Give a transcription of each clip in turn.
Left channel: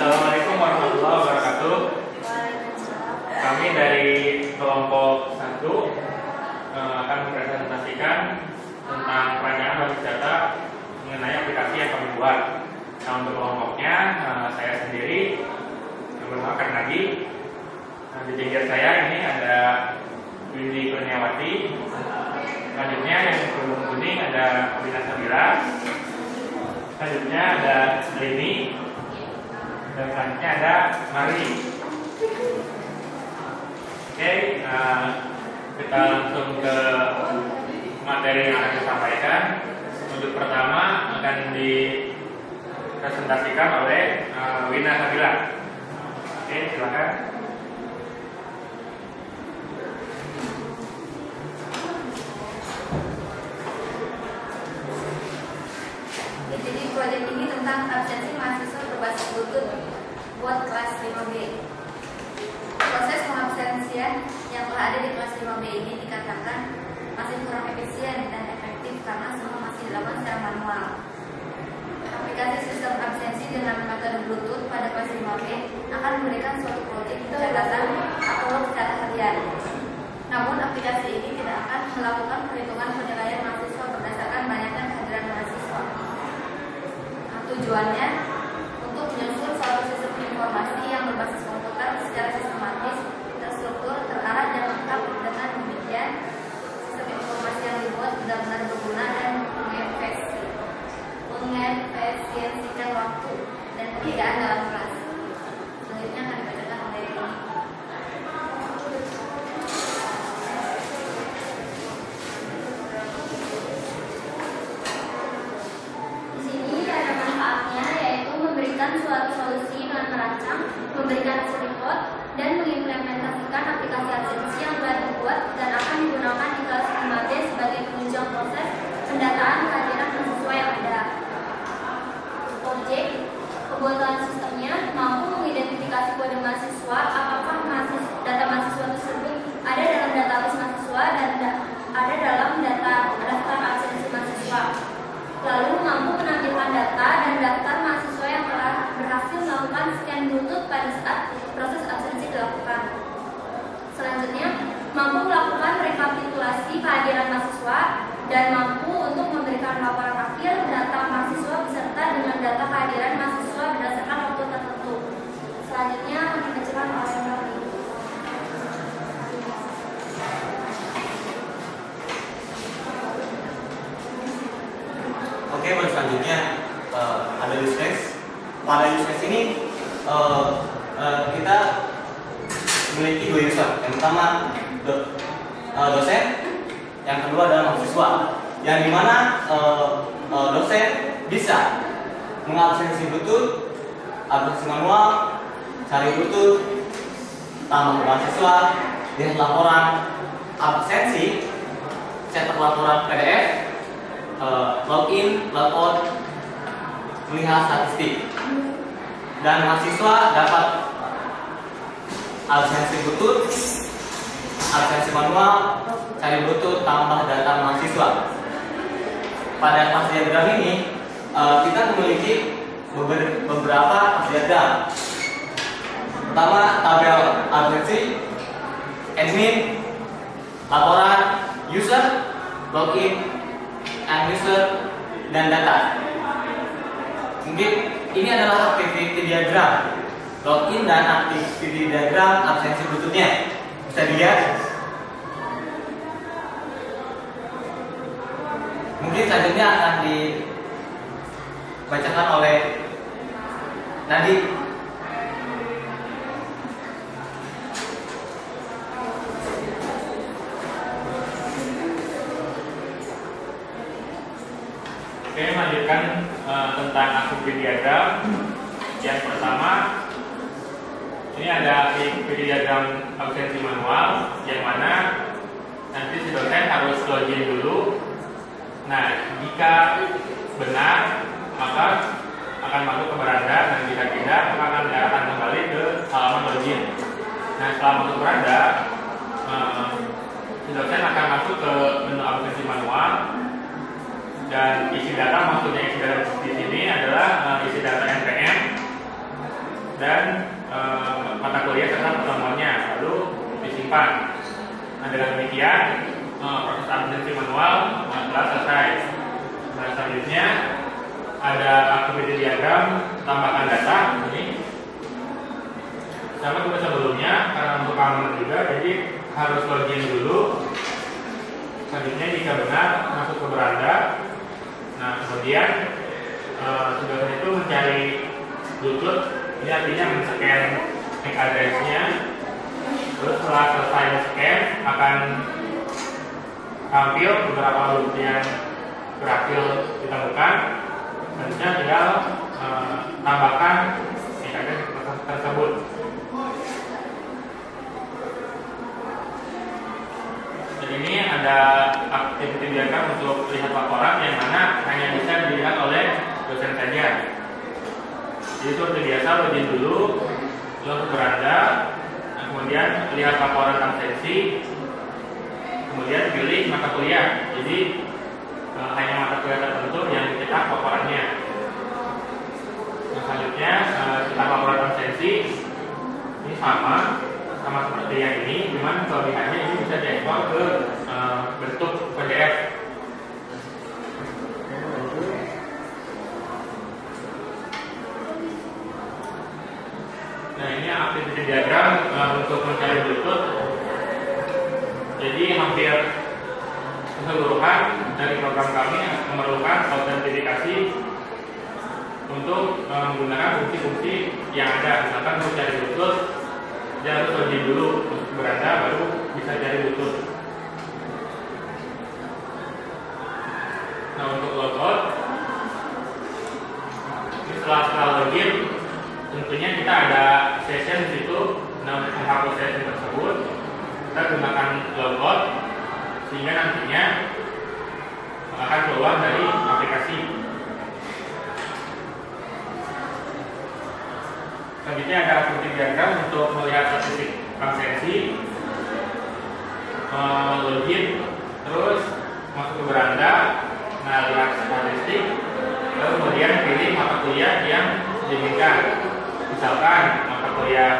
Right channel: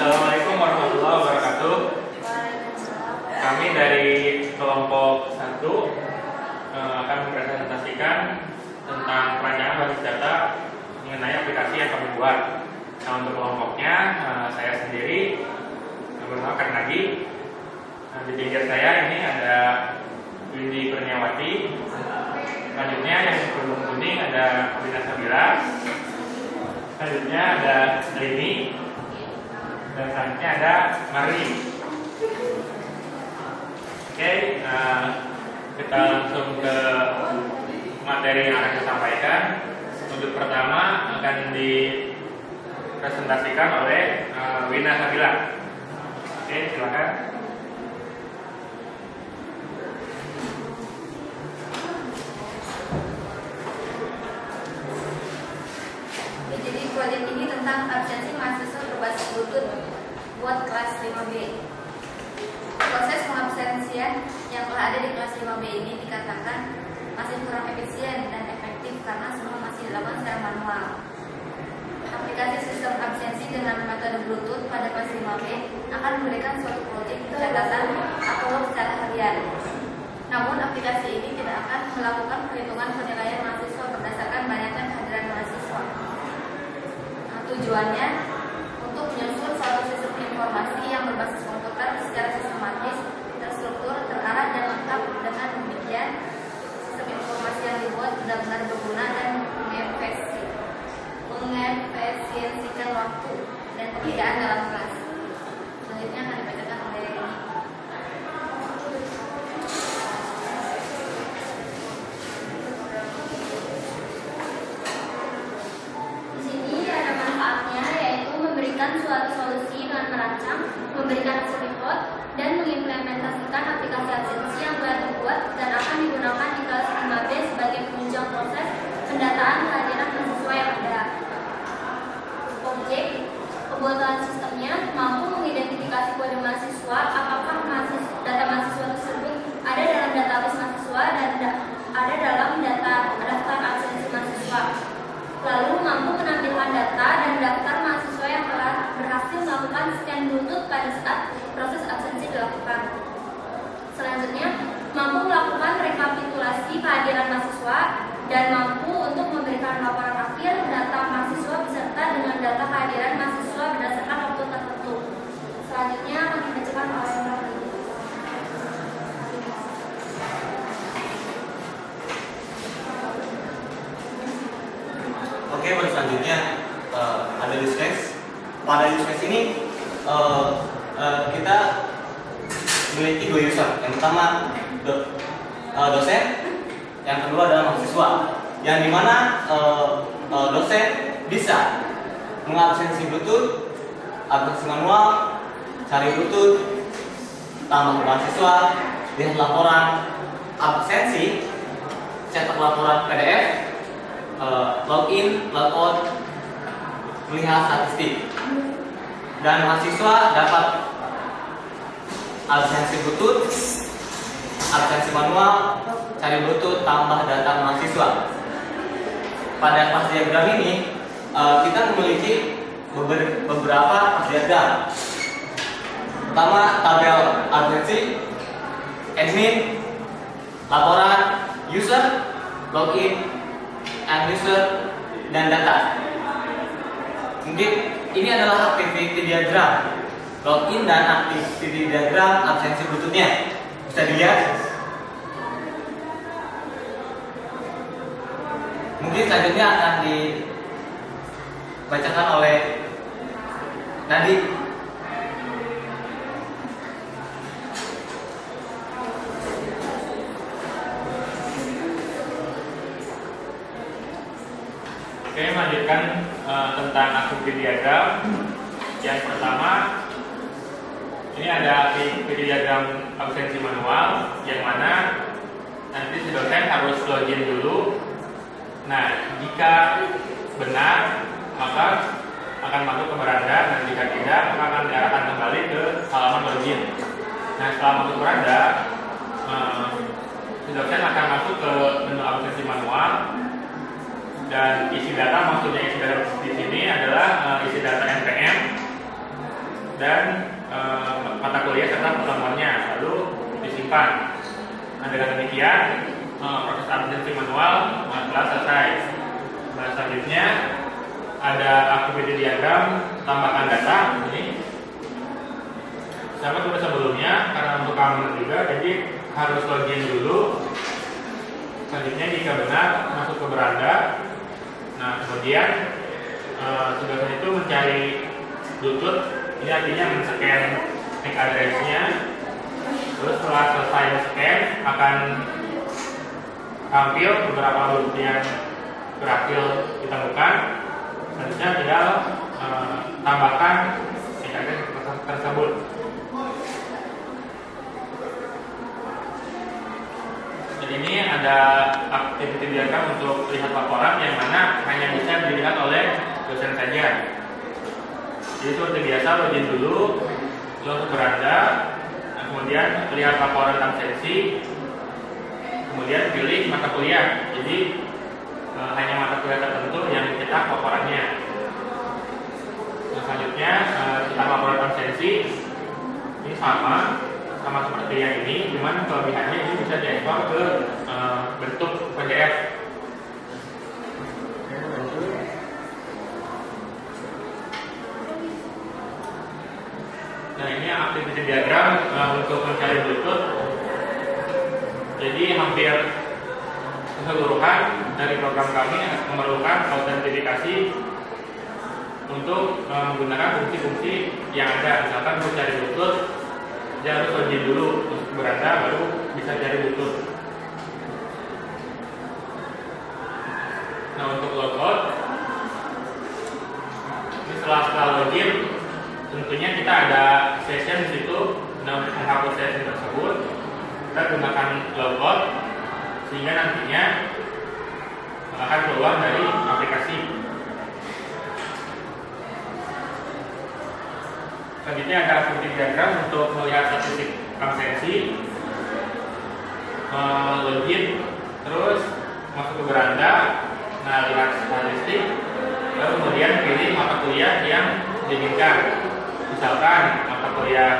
Assalamualaikum warahmatullahi wabarakatuh. Kami dari kelompok 1 akan mempresentasikan tentang perancangan basis data mengenai aplikasi yang kami buat. Nah, untuk kelompoknya saya sendiri bernama Karnagi. Nah, di pinggir saya ini ada Windy Kurniawati. Selanjutnya yang berkerudung kuning ada Wina Sabira. Selanjutnya ada Rini. Dan selanjutnya ada Mari. Oke, kita langsung ke materi yang akan disampaikan. Untuk pertama akan dipresentasikan oleh Wina Sabila. Oke, silakan. Jadi proyek ini tentang absensi mahasiswa berbasis Bluetooth buat kelas 5B. Proses pengabsensian yang telah ada di kelas 5B ini dikatakan masih kurang efisien dan efektif karena semua masih dilakukan secara manual. Aplikasi sistem absensi dengan metode Bluetooth pada kelas 5B akan memberikan suatu proyek pencatatan atau secara harian. Namun aplikasi ini tidak akan melakukan perhitungan penilaian mahasiswa berdasarkan banyaknya kehadiran mahasiswa. Tujuannya untuk menyusun suatu sistem informasi yang berbasis komputer secara sistematis, terstruktur, terarah, dan lengkap. Dengan demikian, sistem informasi yang dibuat benar-benar berguna dan mengefisiensikan waktu dan pekerjaan dalam kelas. Selanjutnya akan dibacakan oleh Rini. Suatu solusi dengan merancang, memberikan hasil report, dan mengimplementasikan aplikasi absensi yang telah dibuat dan akan digunakan di kelas 5B sebagai penunjang proses pendataan kehadiran mahasiswa yang ada. Objek pembuatan sistemnya mampu mengidentifikasi kode mahasiswa, apakah data mahasiswa tersebut ada dalam database mahasiswa dan ada dalam daftar absensi mahasiswa. Lalu mampu menampilkan data dan daftar mahasiswa yang telah berhasil melakukan scan Bluetooth pada saat proses absensi dilakukan. Selanjutnya, mampu melakukan rekapitulasi kehadiran mahasiswa dan mampu untuk memberikan laporan akhir data mahasiswa beserta dengan data kehadiran mahasiswa berdasarkan waktu tertentu. Selanjutnya akan dibacakan oleh Mari. Oke, baru selanjutnya ada use case. Pada use case ini kita memiliki 2 user. Yang pertama dosen, yang kedua adalah mahasiswa. Yang dimana dosen bisa mengabsensi Bluetooth, absensi manual, cari Bluetooth, tambah mahasiswa, lihat laporan absensi, cetak laporan PDF, login, logout, melihat statistik, dan mahasiswa dapat absensi Bluetooth, absensi manual, cari Bluetooth, tambah data mahasiswa. Pada kelas diagram ini kita memiliki beberapa kelas diagram. Pertama, tabel absensi, admin, laporan, user, login, user, dan data. Mungkin ini adalah activity diagram login dan activity diagram absensi Bluetooth-nya. Bisa dilihat. Mungkin selanjutnya akan dibacakan oleh Nadi. Oke, melanjutkan tentang activity diagram. Yang pertama, ini ada activity diagram absensi manual, yang mana nanti si dosen harus login dulu. Nah, jika benar, maka akan masuk ke beranda, dan jika tidak, maka akan diarahkan kembali ke halaman login. Nah, setelah masuk beranda, si dosen akan masuk ke menu absensi manual. Dan isi data, maksudnya isi data di sini adalah isi data NPM dan mata kuliah serta pertemuannya, lalu disimpan. Nah, dengan demikian proses absensi manual telah selesai. Nah, selanjutnya ada activity diagram tambahkan data ini. Sama seperti sebelumnya, karena untuk keamanan juga, jadi harus login dulu. Selanjutnya jika benar masuk ke beranda. Nah, kemudian sudah itu mencari Bluetooth. Ini artinya men-scan MAC address-nya. Terus setelah selesai scan akan tampil beberapa Bluetooth yang berhasil ditemukan. Selanjutnya tinggal tambahkan MAC address tersebut. Ini ada activity diagram untuk lihat laporan yang mana hanya bisa dilihat oleh dosen saja. Jadi seperti biasa login dulu, lalu ke beranda, nah, kemudian lihat laporan absensi, kemudian pilih mata kuliah. Jadi hanya mata kuliah tertentu yang dicetak laporannya. Nah, selanjutnya cetak laporan absensi ini sama seperti yang ini, cuman kelebihannya ini bisa diekspor ke bentuk PDF. Nah, ini activity diagram untuk mencari Bluetooth. Jadi hampir keseluruhan dari program kami memerlukan autentifikasi untuk menggunakan fungsi-fungsi yang ada. Misalkan untuk cari Bluetooth, dia harus login dulu untuk beranda, baru bisa cari Bluetooth. Nah, untuk logout, setelah login, tentunya kita ada session di situ. Nah, untuk menghapus session tersebut, kita gunakan logout sehingga nantinya akan keluar dari aplikasi. Selanjutnya ada activity diagram untuk melihat statistik absensi, login, terus masuk ke beranda, nah lihat statistik, lalu kemudian pilih mata kuliah yang diinginkan. Misalkan mata kuliah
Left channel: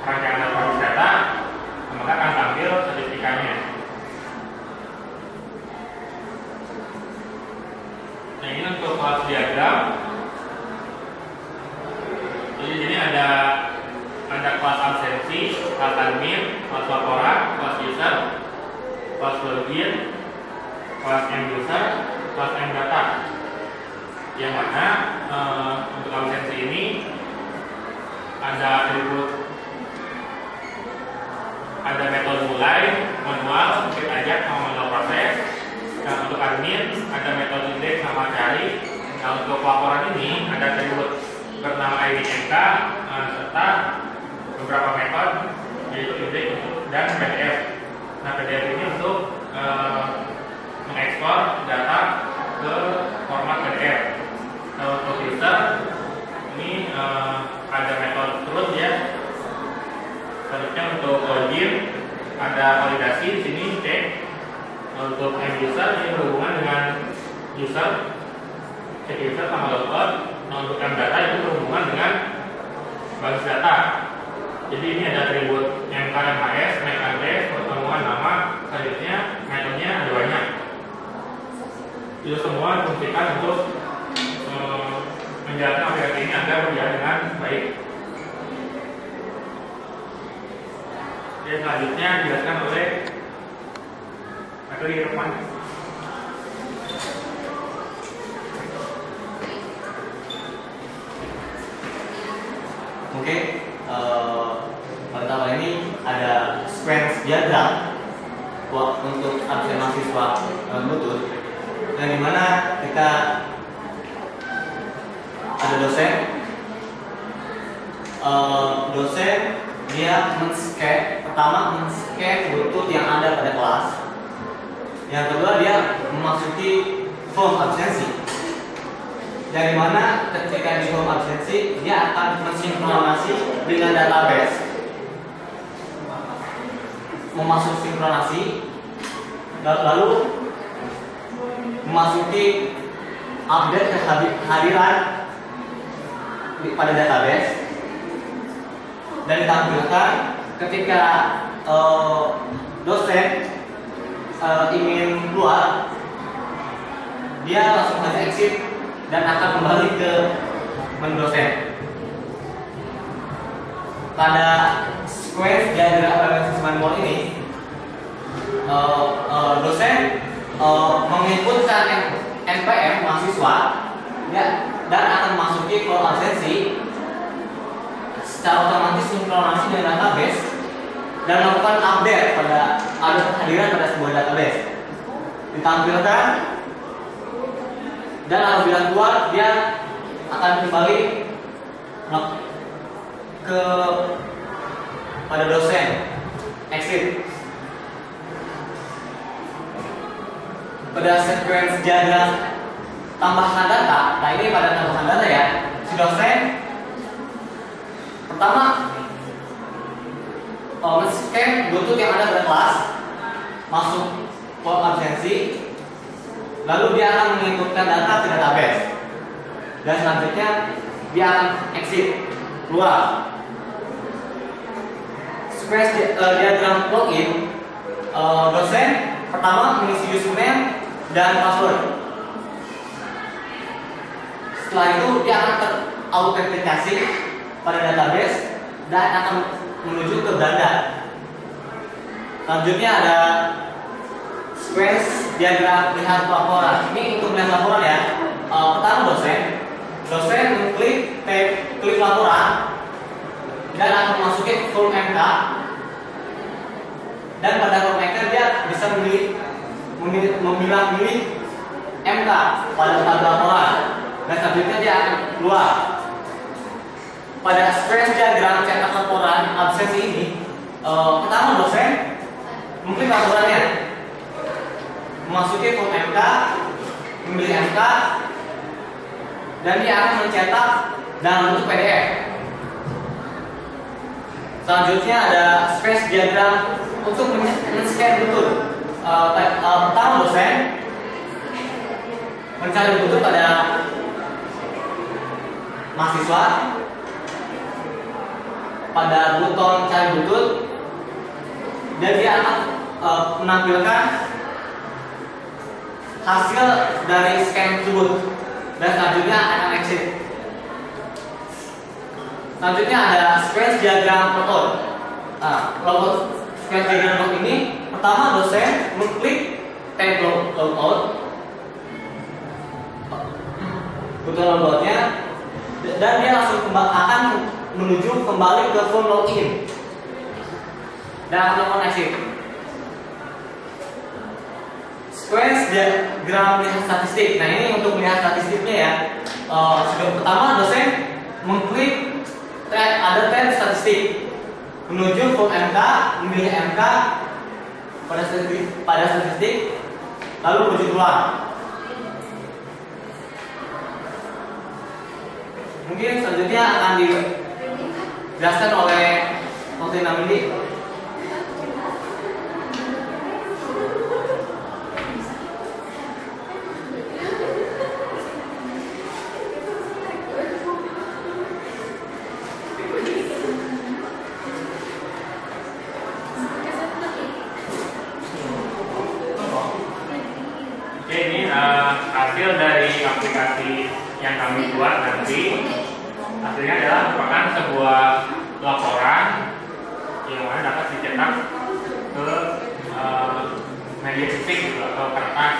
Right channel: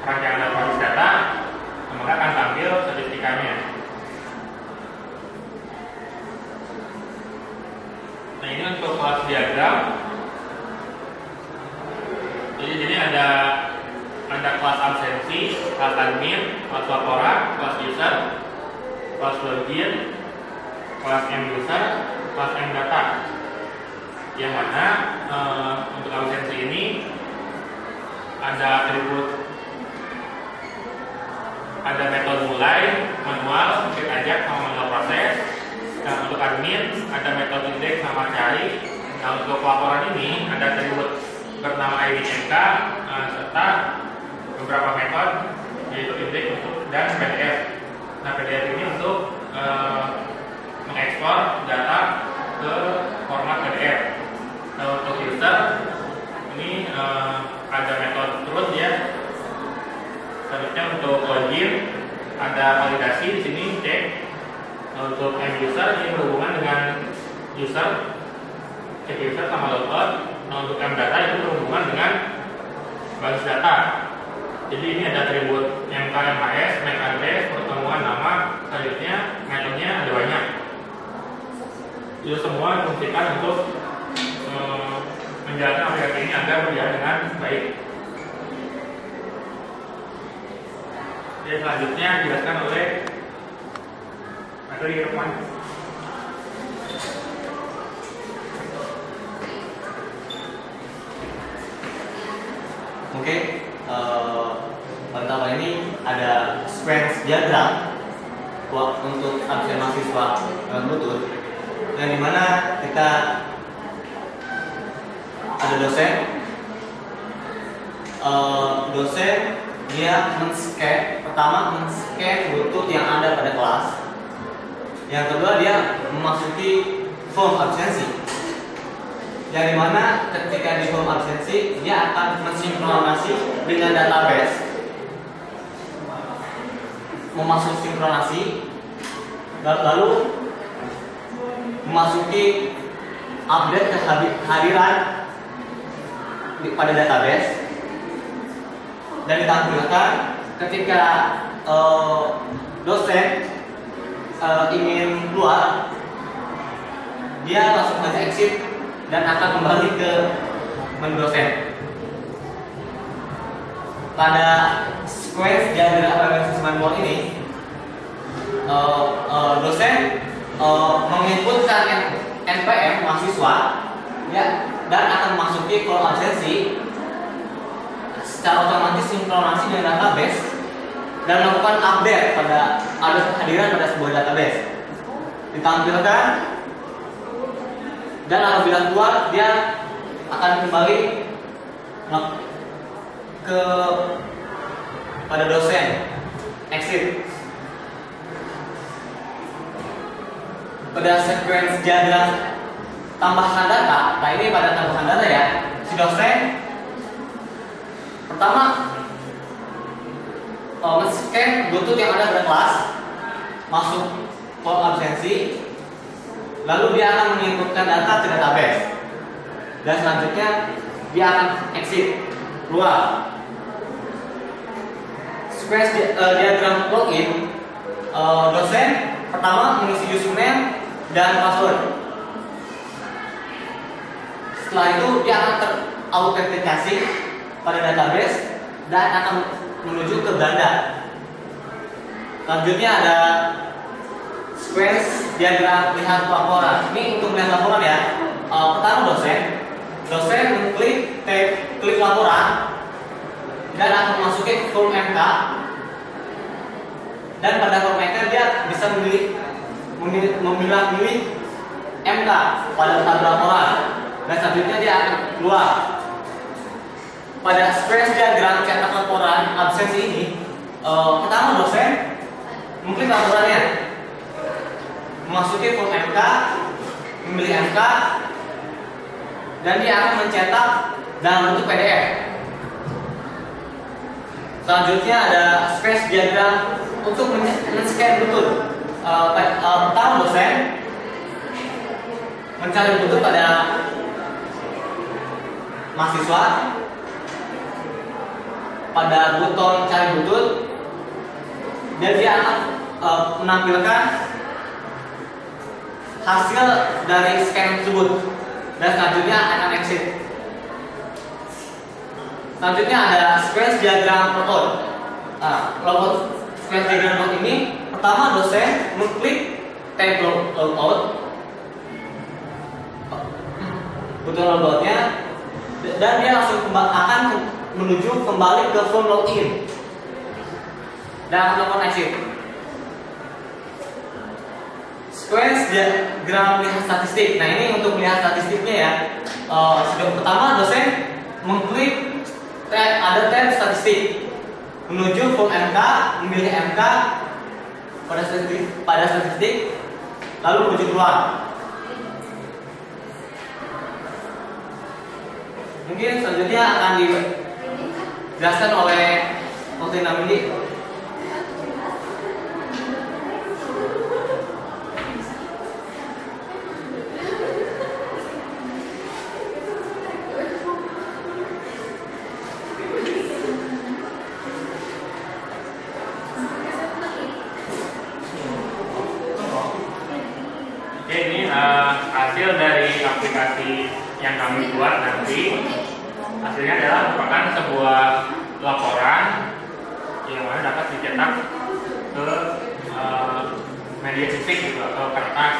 perancangan analisis data, maka akan tampil statistikanya. Nah, ini untuk kelas diagram. Jadi di sini ada kelas absensi, kelas admin, kelas laporan, kelas user, kelas login, kelas end user, kelas end data. Yang mana untuk absensi ini ada atribut, ada metode mulai, manual, skip ajak, sama manual proses. Nah, untuk admin ada metode indeks sama cari. Nah, untuk laporan ini ada atribut bernama ID MK serta beberapa metode, yaitu indeks dan PDF. Nah, PDF ini untuk mengekspor data ke format PDF. Nah, untuk user ini ada metode root ya. Selanjutnya untuk login ada validasi di sini cek. Nah, untuk end user ini berhubungan dengan user, cek user sama logout. Nah, untuk M data itu berhubungan dengan basis data. Jadi ini ada atribut MK, MHS, MAC address, pertemuan nama, selanjutnya metodenya ada banyak. Itu semua difungsikan untuk menjalankan aplikasi ini agar berjalan dengan baik. Jadi selanjutnya dijelaskan oleh materi Irfan. Oke, pertama ini ada sequence diagram untuk absen mahasiswa Bluetooth, yang dimana kita ada dosen, dia pertama men-scan Bluetooth yang ada pada kelas. Yang kedua dia memasuki form absensi, yang dimana ketika di form absensi dia akan mensinkronasi dengan database, memasuk sinkronasi, lalu memasuki update kehadiran pada database. dan ditampilkan ketika dosen ingin keluar, dia langsung saja exit dan akan kembali ke menu dosen. Pada sequence diagram organization manual ini, dosen menginputkan NPM mahasiswa ya, dan akan memasuki flow absensi secara otomatis sinkronasi dengan database dan melakukan update pada kehadiran pada sebuah database. Ditampilkan dan apabila keluar dia akan kembali ke pada dosen, exit. Pada sequence diagram tambahan data, nah ini pada tambahan data ya, si dosen pertama men-scan Bluetooth yang ada pada kelas, masuk form absensi, lalu dia akan menginputkan data ke database, dan selanjutnya dia akan exit, keluar. Sequence diagram login, dosen pertama mengisi username dan password. Setelah itu dia akan terautentikasi pada database dan akan menuju ke Belanda. Selanjutnya ada sequence diagram lihat laporan. Ini untuk melihat laporan ya. Pertama dosen mengklik klik laporan dan akan memasuki form MK. Dan pada form MK dia bisa memilah-milih MK pada tabel laporan. Dan selanjutnya dia akan keluar. Pada sequence diagram cetak laporan absensi ini, pertama dosen mengklik laporannya, memasuki form MK, memilih MK, dan dia akan mencetak dalam bentuk PDF. Selanjutnya ada sequence diagram untuk men-scan Bluetooth. Pertama dosen mencari Bluetooth pada mahasiswa, pada buton cari Bluetooth, dan dia akan menampilkan hasil dari scan tersebut, dan selanjutnya akan exit. Selanjutnya ada sequence diagram logout. Sequence diagram logout ini pertama dosen mengklik tab logout, buton logoutnya, dan dia langsung akan menuju kembali ke form login dan akan melakukan exit. Sequence diagram lihat statistik. Nah ini untuk melihat statistiknya ya. Pertama dosen mengklik ada tab statistik, menuju form MK, memilih MK pada statistik, lalu menuju keluar. Mungkin selanjutnya akan dijelaskan oleh Dr. Namindi. Oke, ini hasil dari aplikasi yang kami buat nanti. Hasilnya adalah merupakan sebuah laporan yang mana dapat dicetak ke media fisik gitu, atau kertas.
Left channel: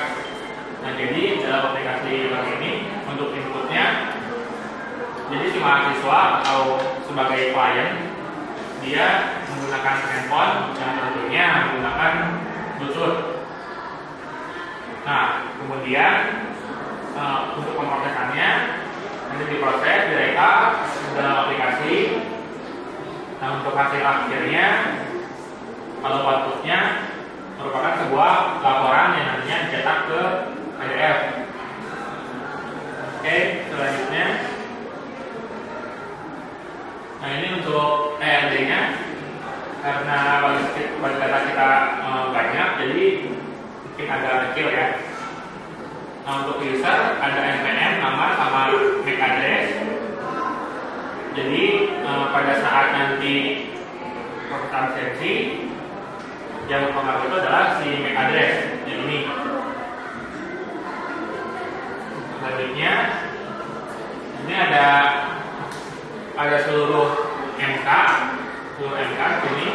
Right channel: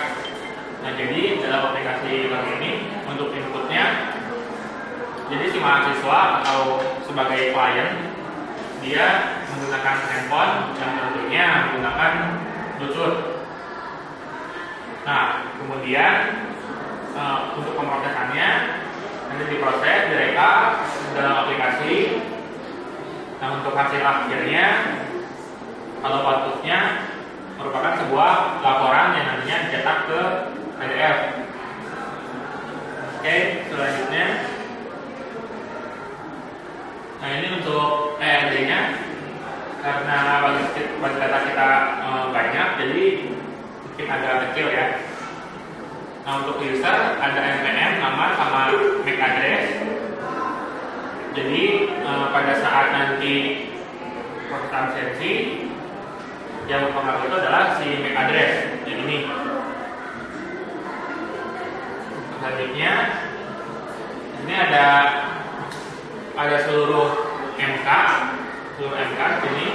Nah jadi dalam aplikasi ini untuk inputnya, jadi si mahasiswa atau sebagai klien dia menggunakan handphone yang tentunya menggunakan Bluetooth. Nah kemudian untuk pemrosesannya nanti diproses, direkam dalam aplikasi. Nah untuk hasil akhirnya kalau outputnya merupakan sebuah laporan yang nantinya dicetak ke PDF. Oke, selanjutnya, nah ini untuk ERD-nya, karena bagi data kita banyak, jadi mungkin agak kecil ya. Nah untuk user ada NPM, nama sama MAC address. Jadi pada saat nanti proses absensi yang mempengaruhi itu adalah si MAC address yang ini. Selanjutnya ini ada seluruh MK ini,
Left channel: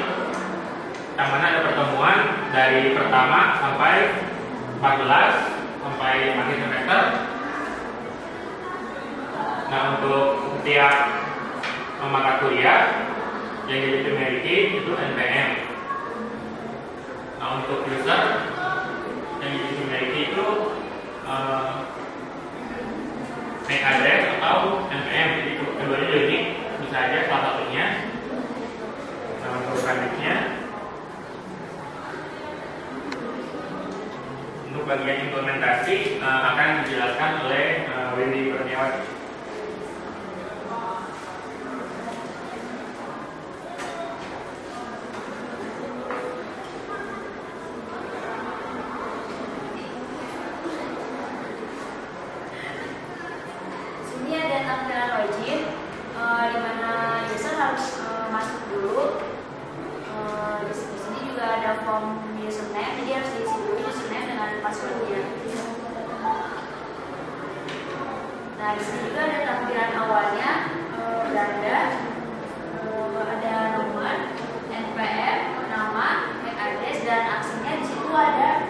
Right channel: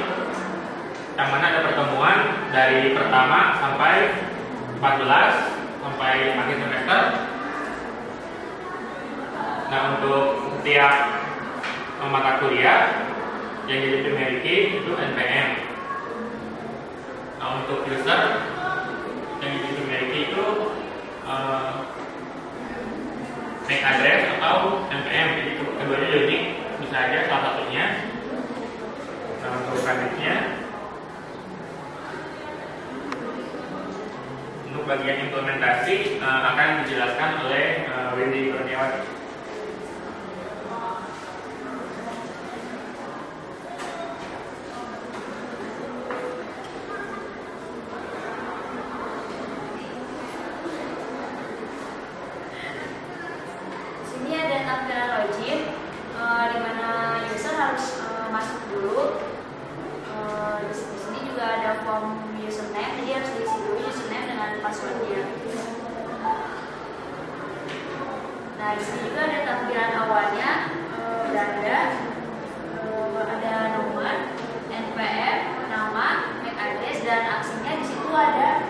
yang mana ada pertemuan dari pertama sampai 14 sampai akhir semester. Nah, untuk setiap mata kuliah yang dimiliki itu NPM. Nah, untuk user yang dimiliki itu MAC address atau NPM. Jadi keduanya unik, bisa aja salah satunya. Nah, untuk selanjutnya untuk bagian implementasi akan dijelaskan oleh Windy Kurniawati. Sini ada tampilan login, di mana user harus masuk dulu. Di sini juga ada form username, jadi harus diisi dulu username dengan passwordnya. Nah, di sini juga ada tampilan awalnya, beranda, ada nomor, NPM, nama, MAC address, dan aksinya di situ ada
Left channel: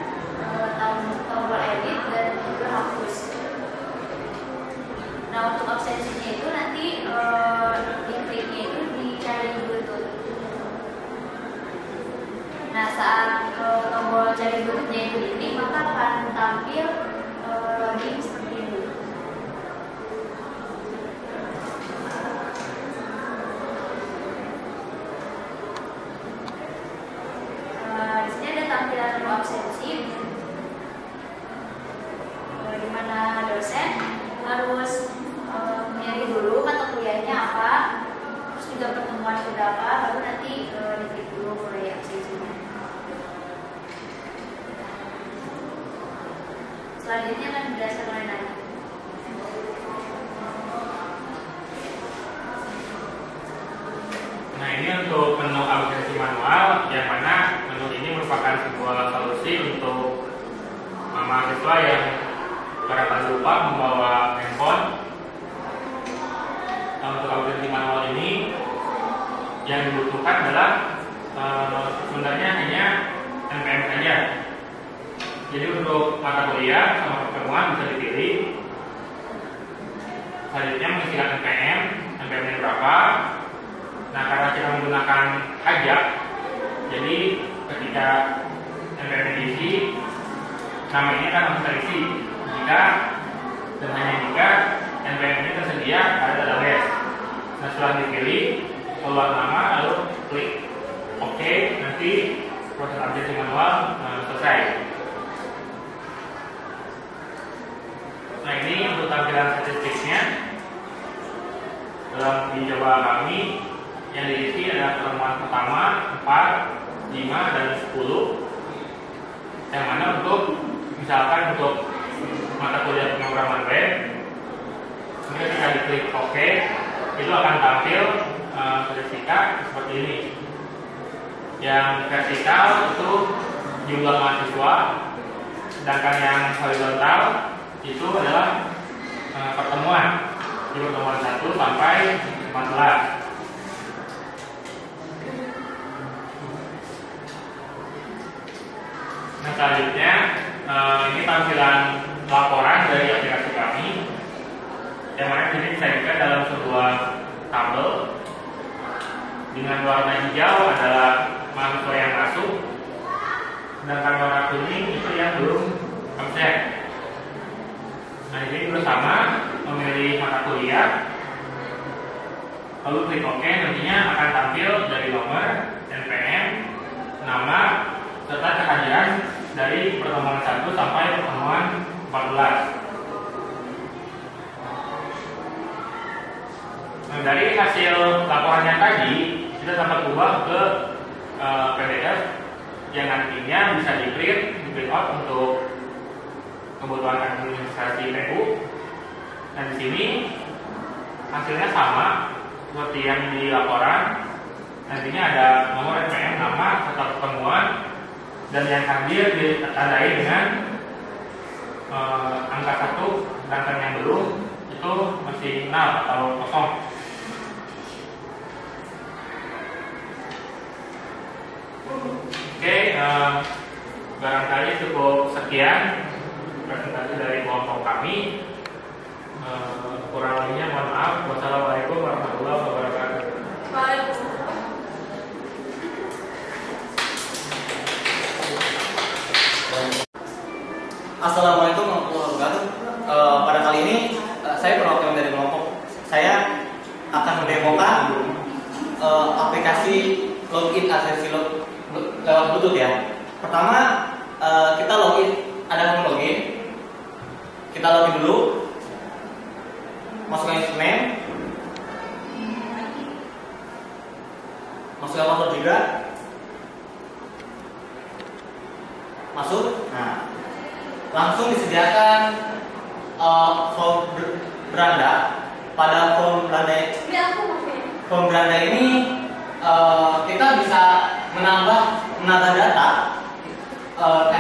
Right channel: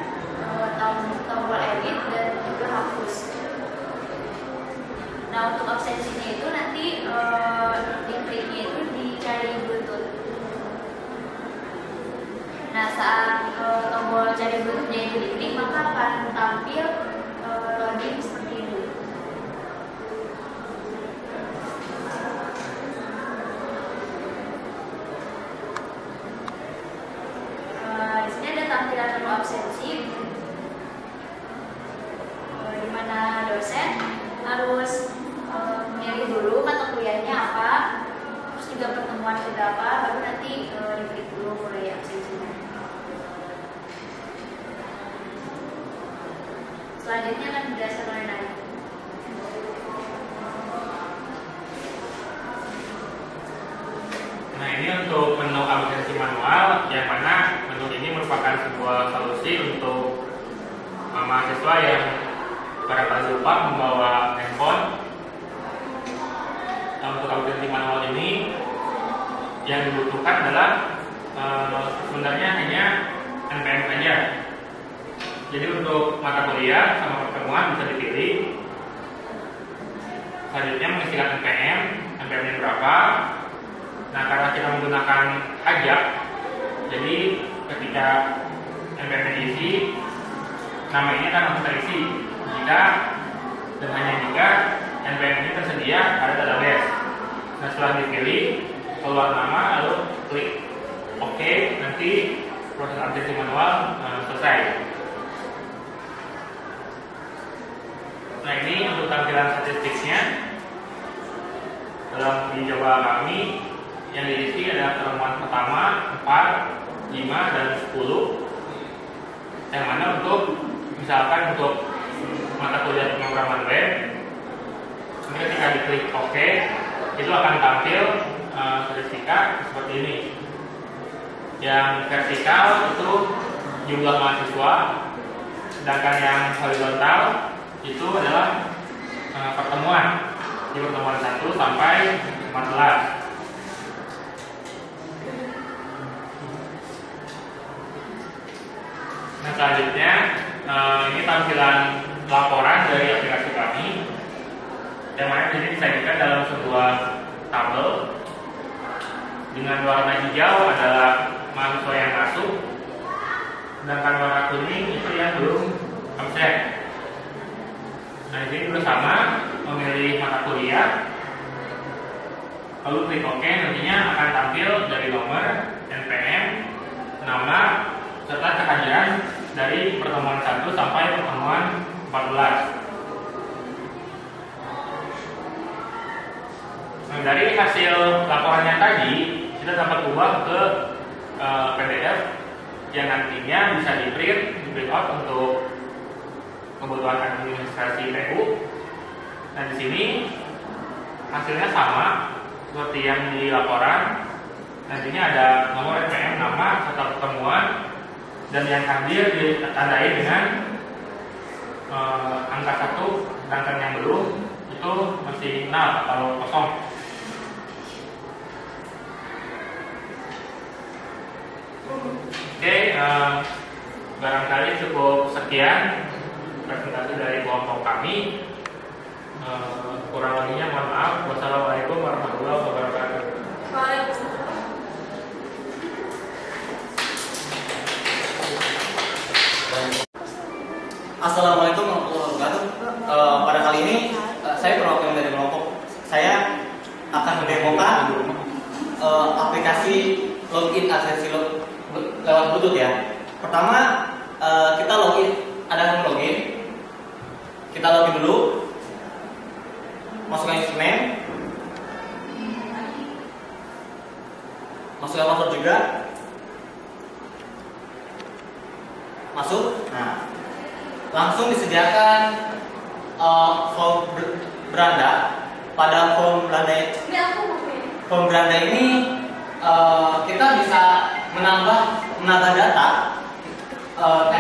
tombol edit dan juga hapus. Nah, untuk absensinya itu nanti di kliknya itu dicari Bluetooth. Nah, saat tombol cari Bluetoothnya itu diklik, maka akan tampil login seperti ini. Di sini ada tampilan menu absensi, di mana dosen harus menyari dulu mata kuliahnya apa, terus juga pertemuan berapa, baru nanti diklik dulu mulai absensinya. Selanjutnya akan dijelaskan oleh Nadi. Nah, ini untuk menu absensi manual, yang mana menu ini merupakan sebuah solusi untuk mahasiswa yang barangkali lupa membawa handphone. Nah, untuk absensi manual ini yang dibutuhkan adalah sebenarnya hanya NPM saja. Jadi untuk mata kuliah sama pertemuan bisa dipilih. Selanjutnya mengisikan NPM-nya berapa. Nah, karena kita menggunakan hajab, jadi ketika NPM diisi, nama ini akan langsung terisi jika dan hanya jika NPM ini tersedia pada database. Nah, setelah dipilih, keluar nama, lalu klik OK, nanti proses absensi manual selesai. Nah, ini untuk tampilan statistiknya. Dalam uji coba kami yang diisi ada pertemuan pertama 4, 5, dan 10. Yang mana untuk misalkan untuk mata kuliah pemrograman web, ketika diklik OK, itu akan tampil statistika seperti ini. Yang vertikal itu jumlah mahasiswa, sedangkan yang horizontal itu adalah pertemuan di pertemuan 1 sampai 14. Nah, selanjutnya ini tampilan laporan dari aplikasi kami, yang mana ini disajikan dalam sebuah tabel dengan warna hijau adalah mahasiswa yang masuk, sedangkan warna kuning itu yang belum absen. Nah, jadi bersama memilih mata kuliah, lalu klik OK, nantinya akan tampil dari nomor, NPM, nama, serta kehadiran dari pertemuan 1 sampai pertemuan 14. Nah, dari hasil laporan yang tadi, kita dapat ubah ke PDF yang nantinya bisa di-print out untuk kebutuhan administrasi PU. Nah, di sini hasilnya sama, seperti yang di laporan. Nantinya ada nomor NPM, nama, serta pertemuan, dan yang hadir ditandai dengan angka 1, sedangkan yang belum itu masih 0 atau kosong. Oke, barangkali cukup sekian presentasi dari kelompok kami. Kurang lebihnya mohon maaf. Wassalamualaikum warahmatullahi wabarakatuh. Assalamualaikum warahmatullahi wabarakatuh. Pada kali ini saya perwakilan dari kelompok. Saya akan mendemokan aplikasi login absensi lewat Bluetooth ya. Pertama kita login, ada login. Kita login dulu. Masukkan username, masukkan password juga, masuk. Nah, langsung disediakan form beranda. Pada form beranda ini kita bisa menambah data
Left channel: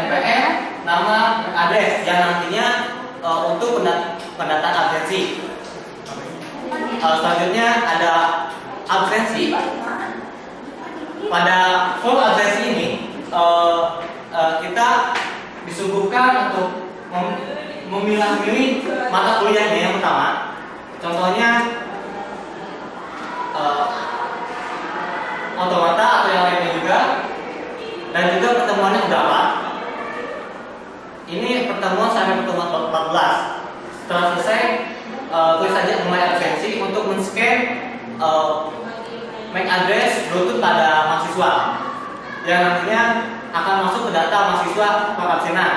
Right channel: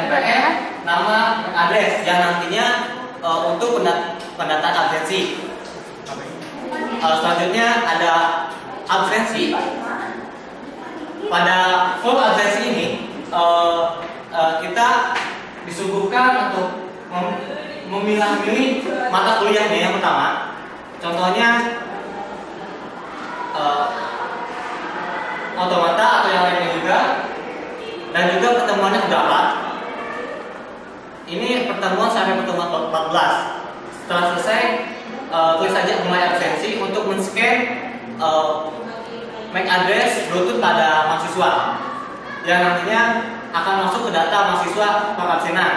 NPM, nama, dan address yang nantinya untuk pendataan absensi. Selanjutnya ada absensi. Pada form absensi ini kita disuguhkan untuk memilah-milih mata kuliahnya yang pertama. Contohnya otomata atau yang lainnya juga, dan juga pertemuannya berapa. Ini pertemuan sampai pertemuan 14. Setelah selesai, klik saja mulai absensi untuk men-scan MAC address Bluetooth pada mahasiswa yang nantinya akan masuk ke data mahasiswa pengabsenan.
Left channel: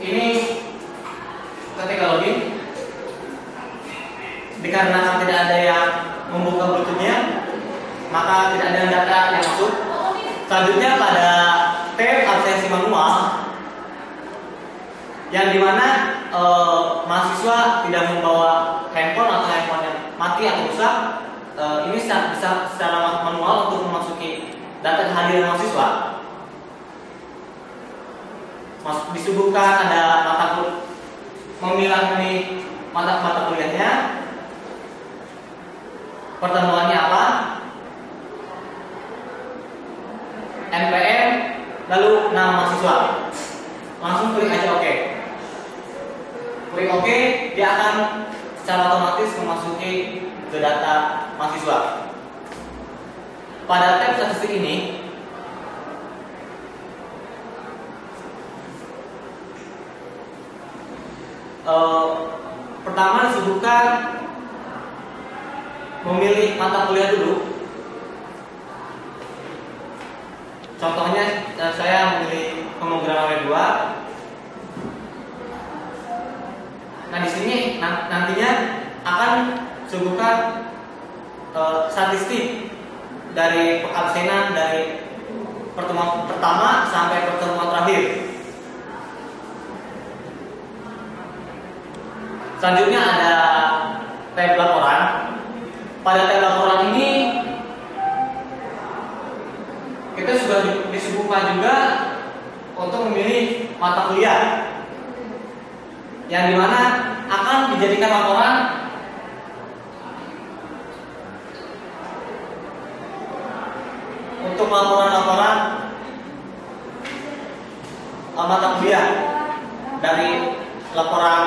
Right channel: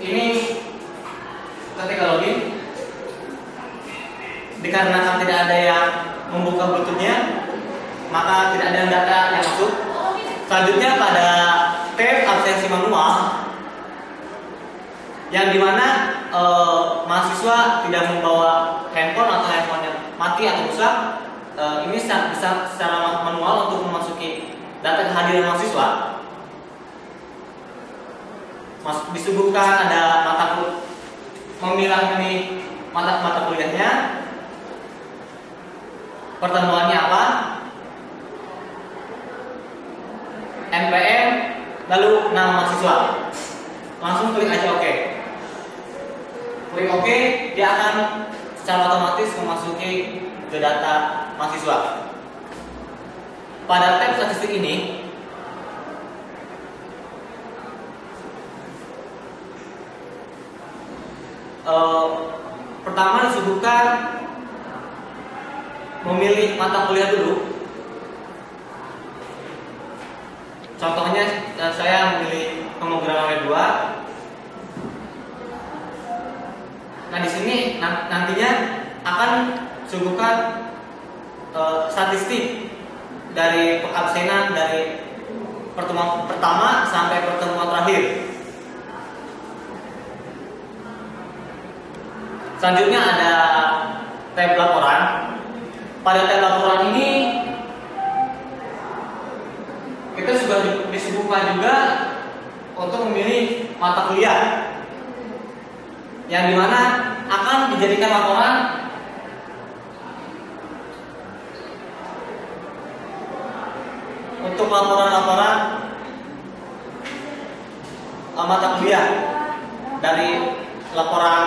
Ini ketika login, dikarenakan tidak ada yang membuka Bluetooth-nya, maka tidak ada data yang masuk. Selanjutnya pada tab absensi manual, yang dimana mahasiswa tidak membawa handphone atau handphone yang mati atau rusak, ini bisa secara manual untuk memasuki data kehadiran mahasiswa. Disuguhkan ada memilah-milih mata kuliahnya, pertemuannya apa, NPM, lalu nama mahasiswa. Langsung klik aja OK. Klik OK, dia akan secara otomatis memasuki ke data mahasiswa. Pada tab statistik ini, pertama disuguhkan memilih mata kuliah dulu. Contohnya saya memilih pemrograman W2. Nah, di sini nantinya akan disuguhkan statistik dari absenan dari pertemuan pertama sampai pertemuan terakhir. Selanjutnya ada tab laporan. Pada tab laporan ini kita sudah disuguhkan juga untuk memilih mata kuliah yang dimana akan dijadikan laporan untuk laporan-laporan mata kuliah dari laporan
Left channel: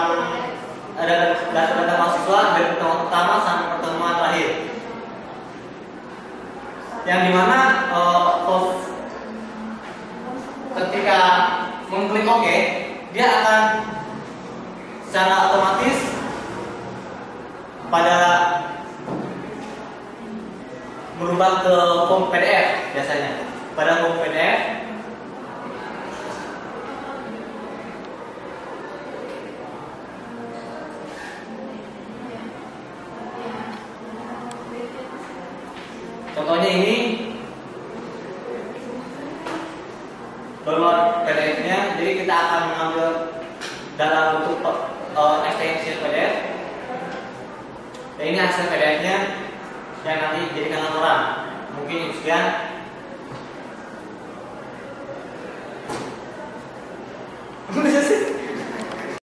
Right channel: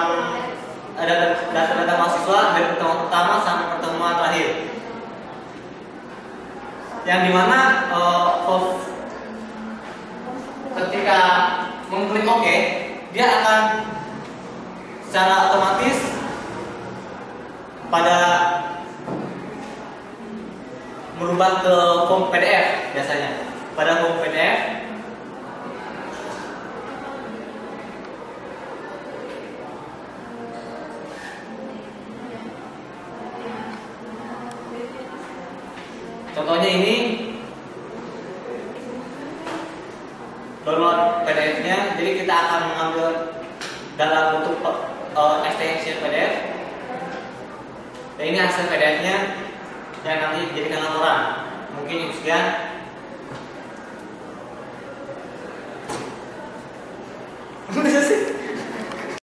data mahasiswa dari pertemuan pertama sampai pertemuan terakhir, yang dimana ketika mengklik OK, dia akan secara otomatis pada merubah ke form PDF biasanya. Pada form PDF contohnya ini download PDF-nya, jadi kita akan mengambil dalam bentuk extension PDF. Dan ini hasil PDF-nya yang nanti dijadikan laporan. Mungkin sekian. Udah sih.